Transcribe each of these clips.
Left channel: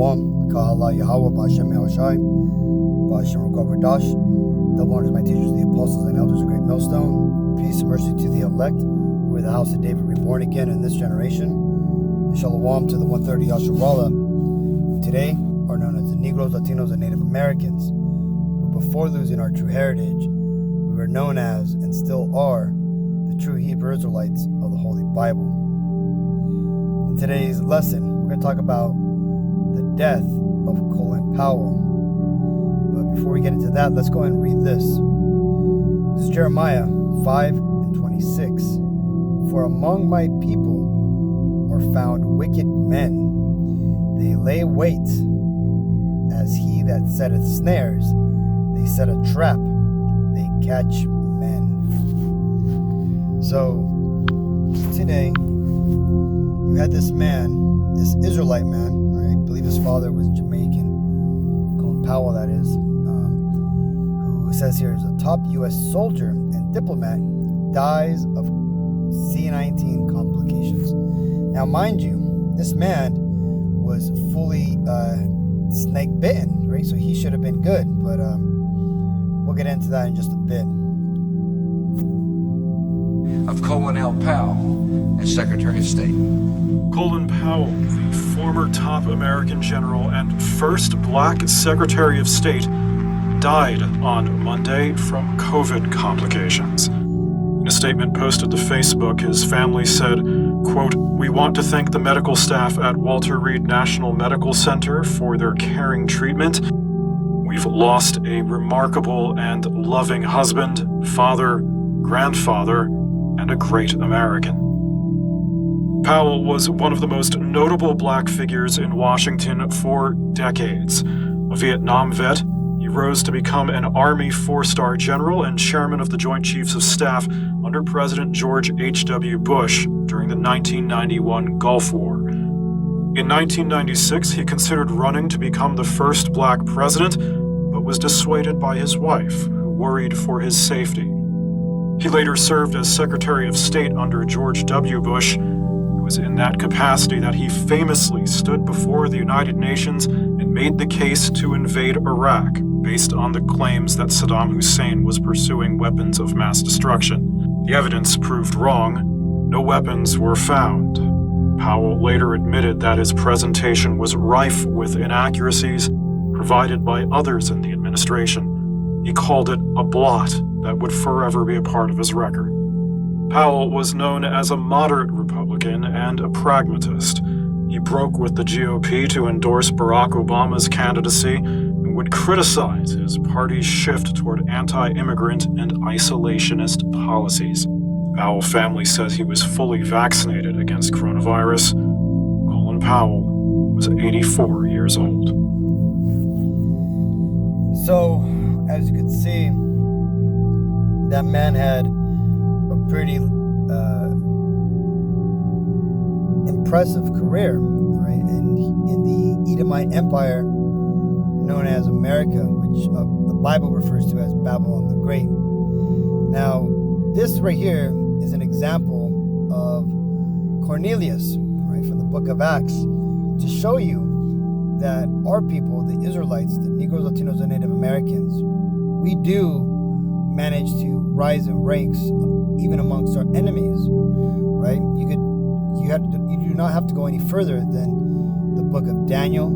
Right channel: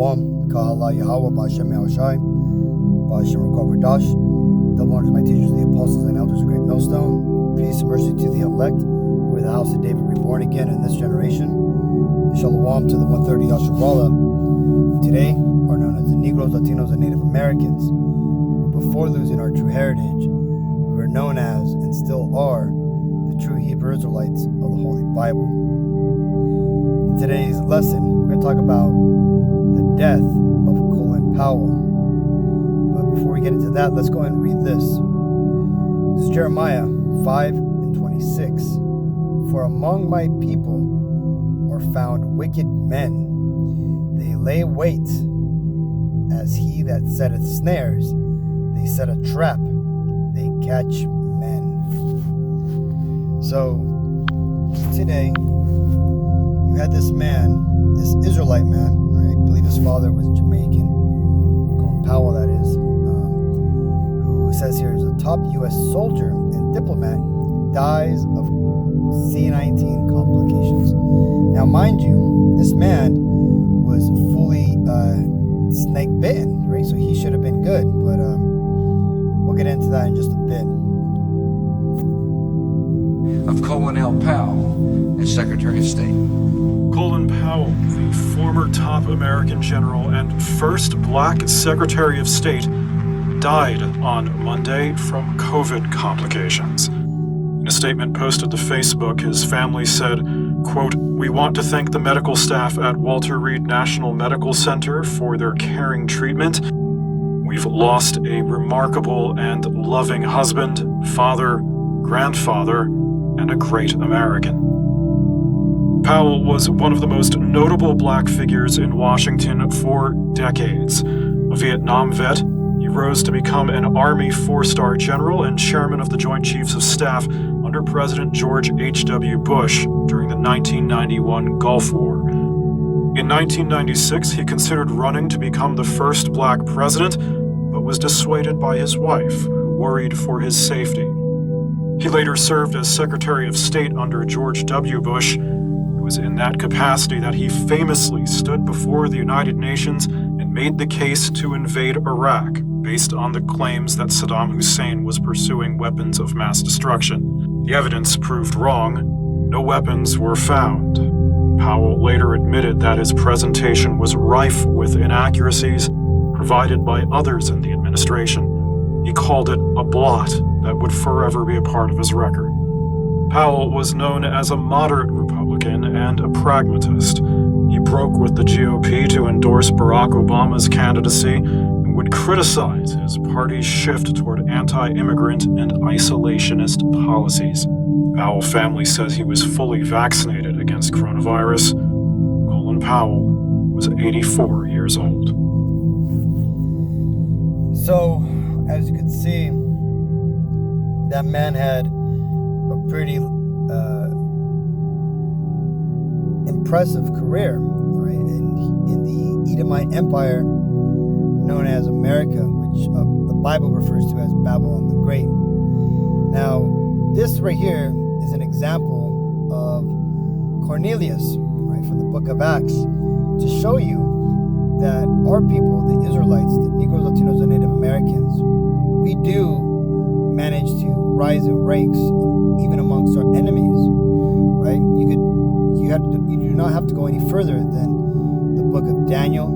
Shalom, Kahala Yahweh, Ba'Shem Yahushai, Ba'Shem Rukov Dash. Double honors my teachers, the apostles and elders of Great Millstone. Peace and mercy to the elect, who are the house of David reborn again in this generation. And Shalom to the 130 Yasharala, who today are known as the Negroes, Latinos, and Native Americans. But before losing our true heritage, we were known as, and still are, the true Hebrew Israelites of the Holy Bible. In today's lesson, we're going to talk about the death of Colin Powell. But before we get into that, let's go ahead and read this. This is Jeremiah 5:26. For among my people are found wicked men. They lay wait as he that setteth snares. They set a trap. They catch men. So, today, you had this man, this Israelite man, right? I believe his father was Jamaican, Colin Powell, that is, who says here is a top U.S. soldier and diplomat dies of C-19 complications. Now, mind you, this man was fully snake bitten, right? So he should have been good, but we'll get into that in just a bit. Of Colin L. Powell as Secretary of State. Colin Powell, the former top American general and first black Secretary of State, died on Monday from COVID complications. In a statement posted to Facebook, his family said, quote, "We want to thank the medical staff at Walter Reed National Medical Center for their caring treatment. We've lost a remarkable and loving husband, father, grandfather, and a great American." Powell was one of the most notable black figures in Washington for decades. A Vietnam vet, he rose to become an Army four-star general and chairman of the Joint Chiefs of Staff under President George H.W. Bush during the 1991 Gulf War. In 1996, he considered running to become the first black president, but was dissuaded by his wife, who worried for his safety. He later served as Secretary of State under George W. Bush. It was in that capacity that he famously stood before the United Nations and made the case to invade Iraq, based on the claims that Saddam Hussein was pursuing weapons of mass destruction. The evidence proved wrong. No weapons were found. Powell later admitted that his presentation was rife with inaccuracies provided by others in the administration. He called it a blot that would forever be a part of his record. Powell was known as a moderate Republican and a pragmatist. He broke with the GOP to endorse Barack Obama's candidacy and would criticize his party's shift toward anti-immigrant and isolationist policies. Powell family says he was fully vaccinated against coronavirus. Colin Powell was 84 years old. So, as you can see, that man had a pretty impressive career, right? In the Edomite Empire, known as America, which the Bible refers to as Babylon the Great. Now, this right here is an example of Cornelius, right, from the book of Acts, to show you that our people, the Israelites, the Negroes, Latinos, and Native Americans, we do manage to rise in ranks even amongst our enemies, right? You do not have to go any further than the book of Daniel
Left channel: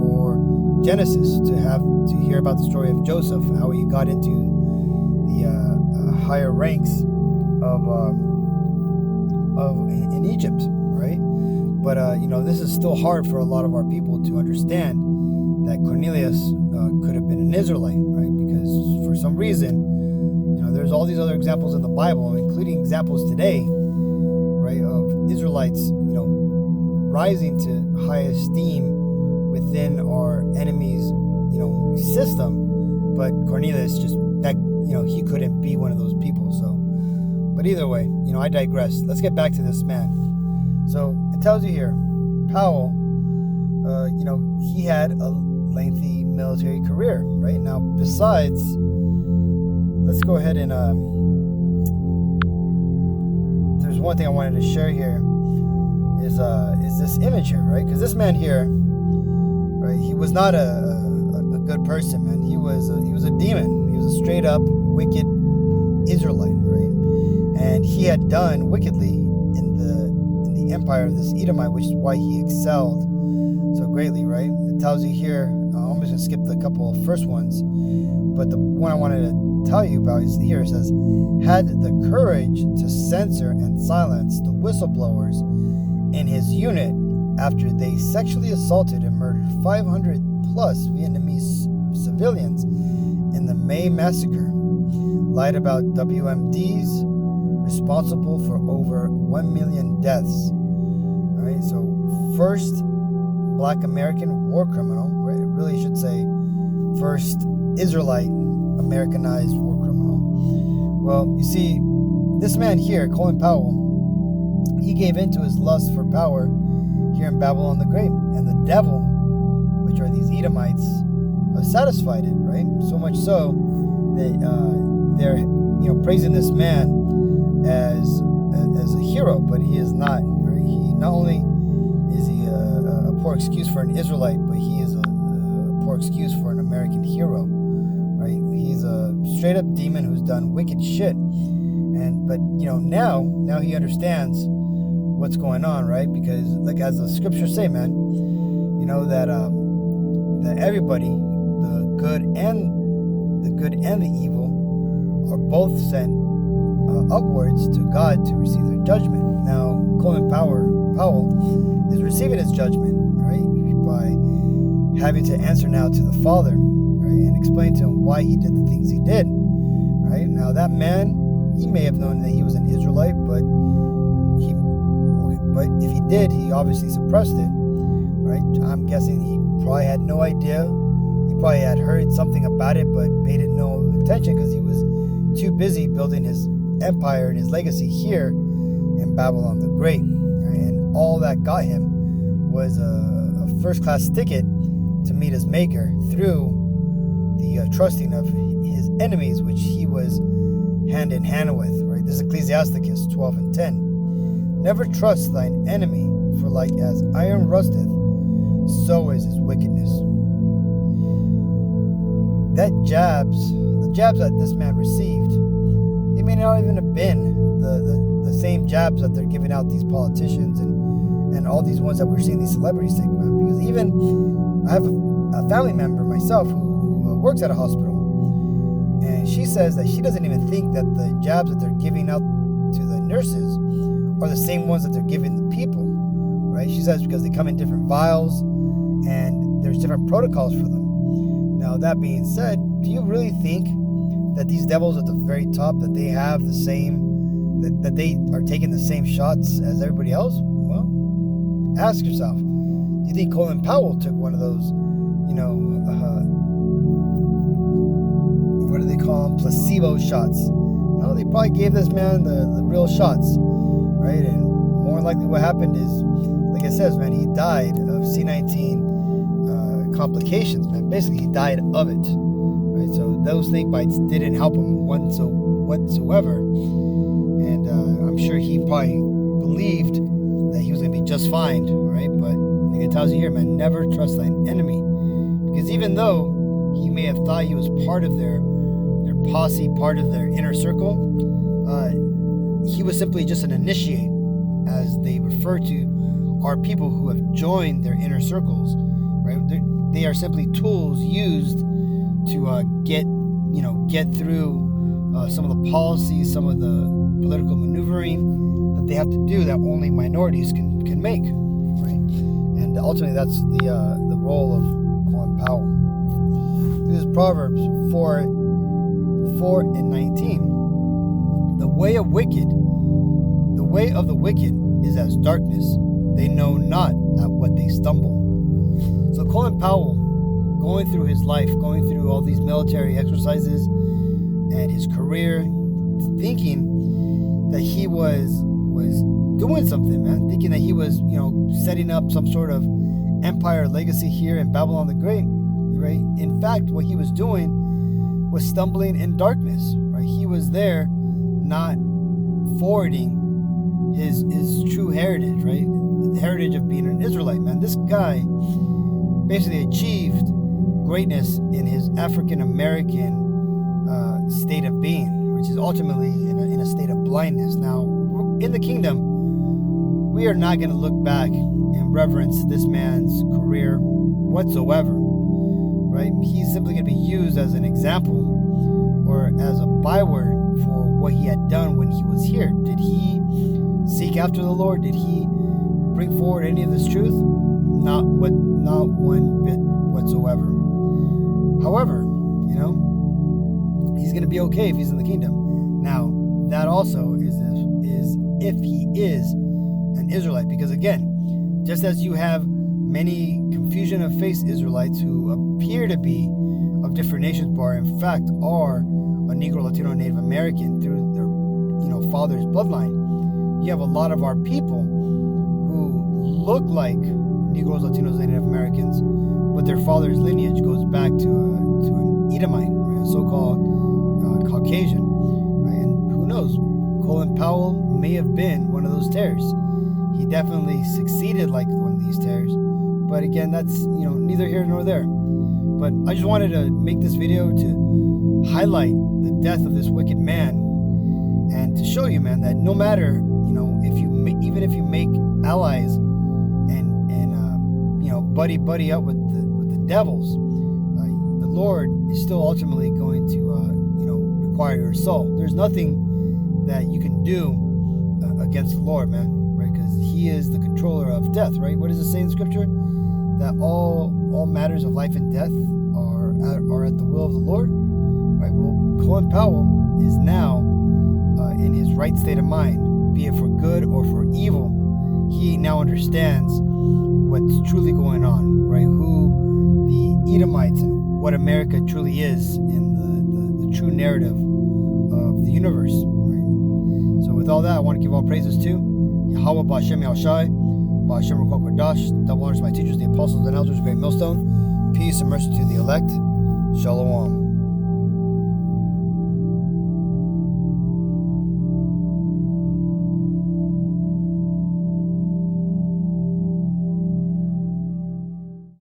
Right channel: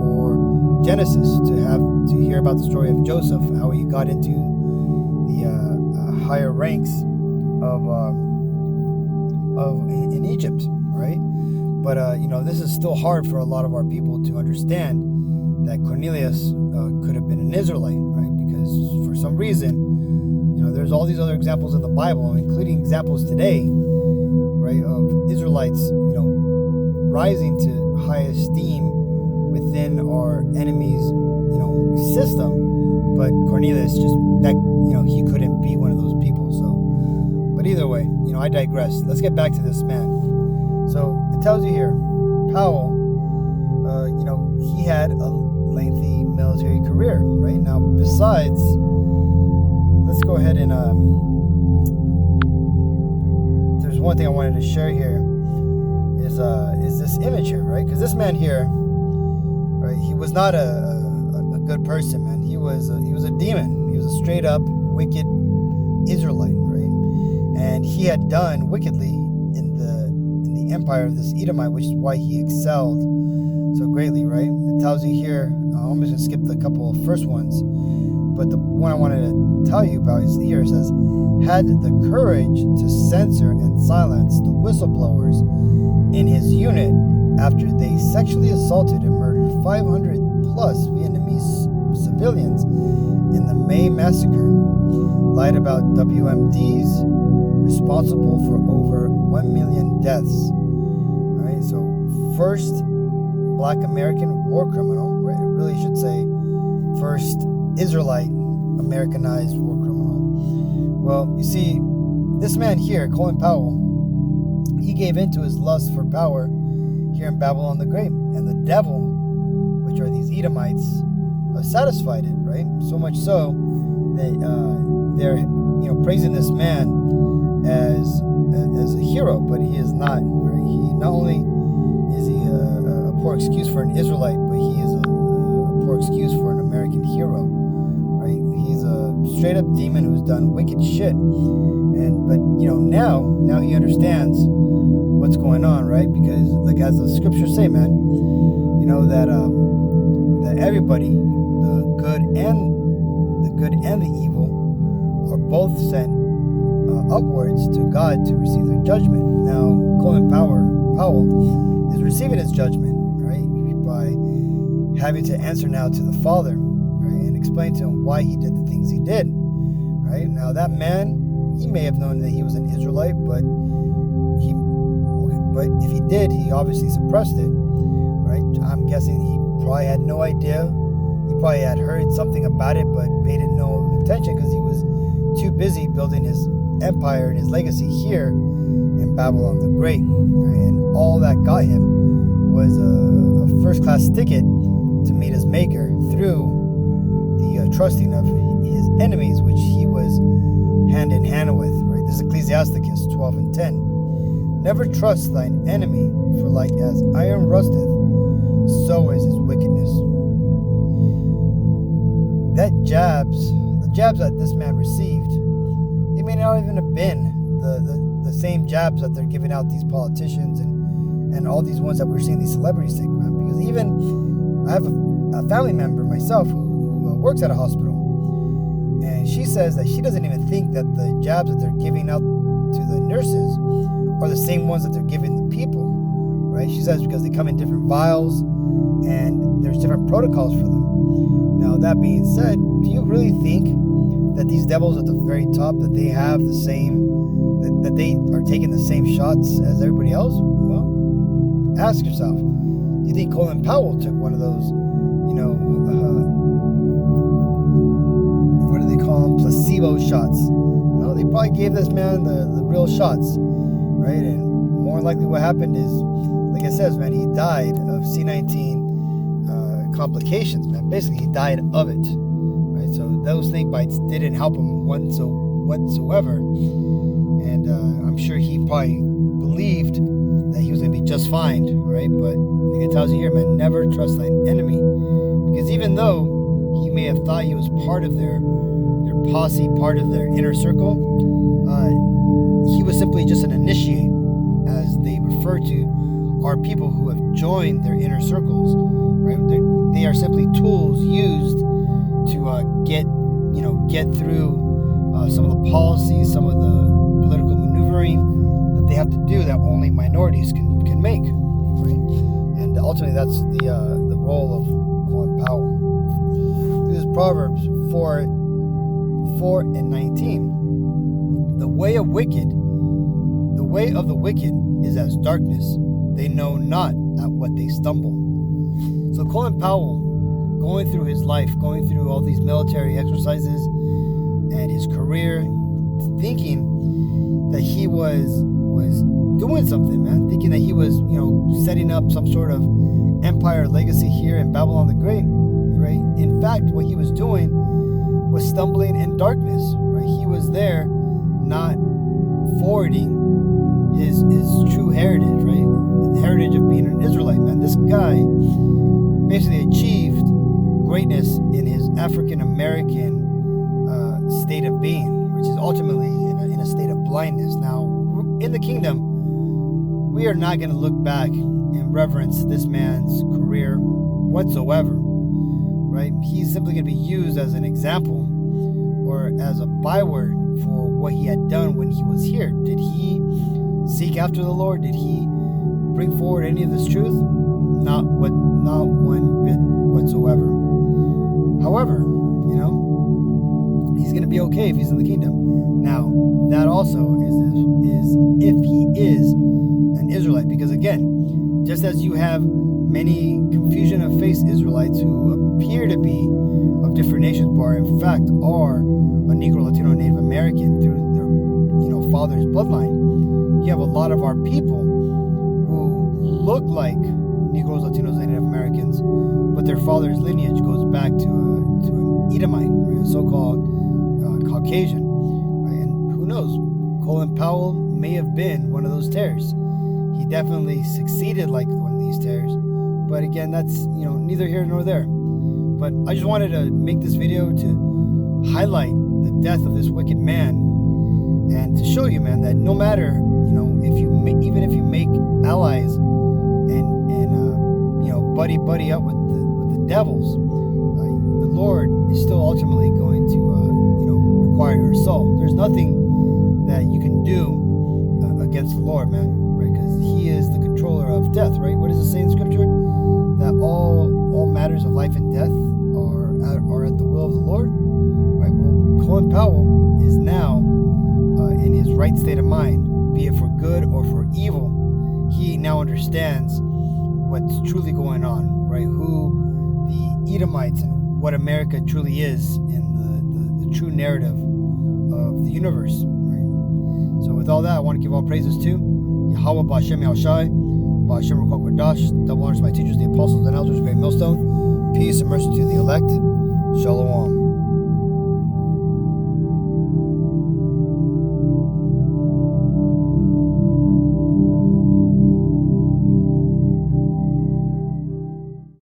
or Genesis to hear about the story of Joseph, how he got into the higher ranks in Egypt, right? But this is still hard for a lot of our people to understand that Cornelius could have been an Israelite, right? Because for some reason, there's all these other examples in the Bible, including examples today, right, of Israelites, rising to high esteem within our enemy's, system. But Cornelius he couldn't be one of those people. So, but either way, I digress. Let's get back to this man. So it tells you here, Powell, he had a lengthy military career, right? Now, besides, let's go ahead and there's one thing I wanted to share here is this image here, right? Because this man here right? He was not a good person, man. He was a demon. He was a straight up wicked Israelite, right? And he had done wickedly in the empire of this Edomite, which is why he excelled so greatly, right? It tells you here. I'm just gonna skip the couple of first ones, but the one I wanted to tell you about is here. It says, had the courage to censor and silence the whistleblowers in his unit after they sexually assaulted and murdered 500 plus Vietnamese civilians in the May massacre. Lied about WMDs responsible for over 1 million deaths. All right, so first Black American war criminal, right? It really should say first Israelite Americanized war criminal. Well, you see, this man here, Colin Powell, he gave in to his lust for power here in Babylon the Great, and the devil, which are these Edomites, satisfied it, right? So much so that they're praising this man as a hero, but he is not. Right? He not only is he a poor excuse for an Israelite, but he is a poor excuse for an American hero, right? He's a straight up demon who's done wicked shit, but now he understands what's going on, right? Because like as the scriptures say, man, that everybody, the good and the evil, are both sent upwards to God to receive their judgment. Now, Colin Powell is receiving his judgment, right, by having to answer now to the Father, right, and explain to him why he did the things he did, right? Now, that man, he may have known that he was an Israelite, but if he did, he obviously suppressed it, right? I'm guessing he probably had no idea. He probably had heard something about it, but paid it no attention because he was too busy building his empire and his legacy here in Babylon the Great. Right? And all that got him was a first-class ticket to meet his maker through the trusting of his enemies, which he was hand in hand with. Right? This is Ecclesiasticus 12:10. Never trust thine enemy, for like as iron rusteth, so is his wickedness. The jabs that this man received, they may not even have been the same jabs that they're giving out these politicians and all these ones that we're seeing these celebrities take, man. Because even I have a family member myself who works at a hospital, and she says that she doesn't even think that the jabs that they're giving out to the nurses are the same ones that they're giving the people, right? She says because they come in different vials and there's different protocols for them. Now, that being said, do you really think that these devils at the very top, that they have the same, that they are taking the same shots as everybody else? Well, ask yourself, do you think Colin Powell took one of those, what do they call them, placebo shots? No, they probably gave this man the real shots, right? And more likely what happened is, like it says, man, he died of C-19 complications, man. Basically, he died of it, right? So those snake bites didn't help him whatsoever, and I'm sure he probably believed that he was going to be just fine, right? But like it tells you here, man, never trust thine enemy, because even though he may have thought he was part of their posse, part of their inner circle, he was simply just an initiate, as they refer to our people who have joined their inner circles, right? They are simply tools used to get through some of the policies, some of the political maneuvering that they have to do that only minorities can make, right? And ultimately, that's the role of Colin Powell. This is Proverbs 4:19. The way of the wicked is as darkness. They know not at what they stumble. So Colin Powell, going through his life, going through all these military exercises and his career, thinking that he was doing something, man, thinking that he was, setting up some sort of empire legacy here in Babylon the Great, right? In fact, what he was doing was stumbling in darkness, right? He was there not forwarding his true heritage, right? The heritage of being an Israelite, man. This guy basically achieved greatness in his African American state of being, which is ultimately in a state of blindness. Now, in the kingdom, we are not going to look back and reverence this man's career whatsoever, right? He's simply going to be used as an example or as a byword for what he had done when he was here. Did he seek after the Lord? Did he bring forward any of this truth? Not one bit whatsoever. However, he's going to be okay if he's in the kingdom. Now, that also is if he is an Israelite, because again, just as you have many confusion of faith Israelites who appear to be of different nations, but in fact are a Negro, Latino, Native American through their father's bloodline, you have a lot of our people who look like Negroes, Latinos, and Native Americans, but their father's lineage goes back to an Edomite, right? A so-called Caucasian, right? And who knows? Colin Powell may have been one of those tares. He definitely succeeded like one of these tares, but again, that's neither here nor there. But I just wanted to make this video to highlight the death of this wicked man, and to show you, man, that no matter even if you make allies and buddy up with the devils, the Lord is still ultimately going to require your soul. There's nothing that you can do against the Lord, man, right? Because He is the controller of death, right? What does it say in Scripture? That all matters of life and death are at the will of the Lord, right? Well, Colin Powell is now in his right state of mind, be it for good or for evil. He now understands what's truly going on, right? Who the Edomites and what America truly is in the true narrative of the universe, right? So with all that, I want to give all praises to Yahweh, Ba'Shem Yahushai, Ba'Shem Ruach Kodash, double honors to my teachers, the apostles and elders, great millstone. Peace and mercy to the elect. Shalom.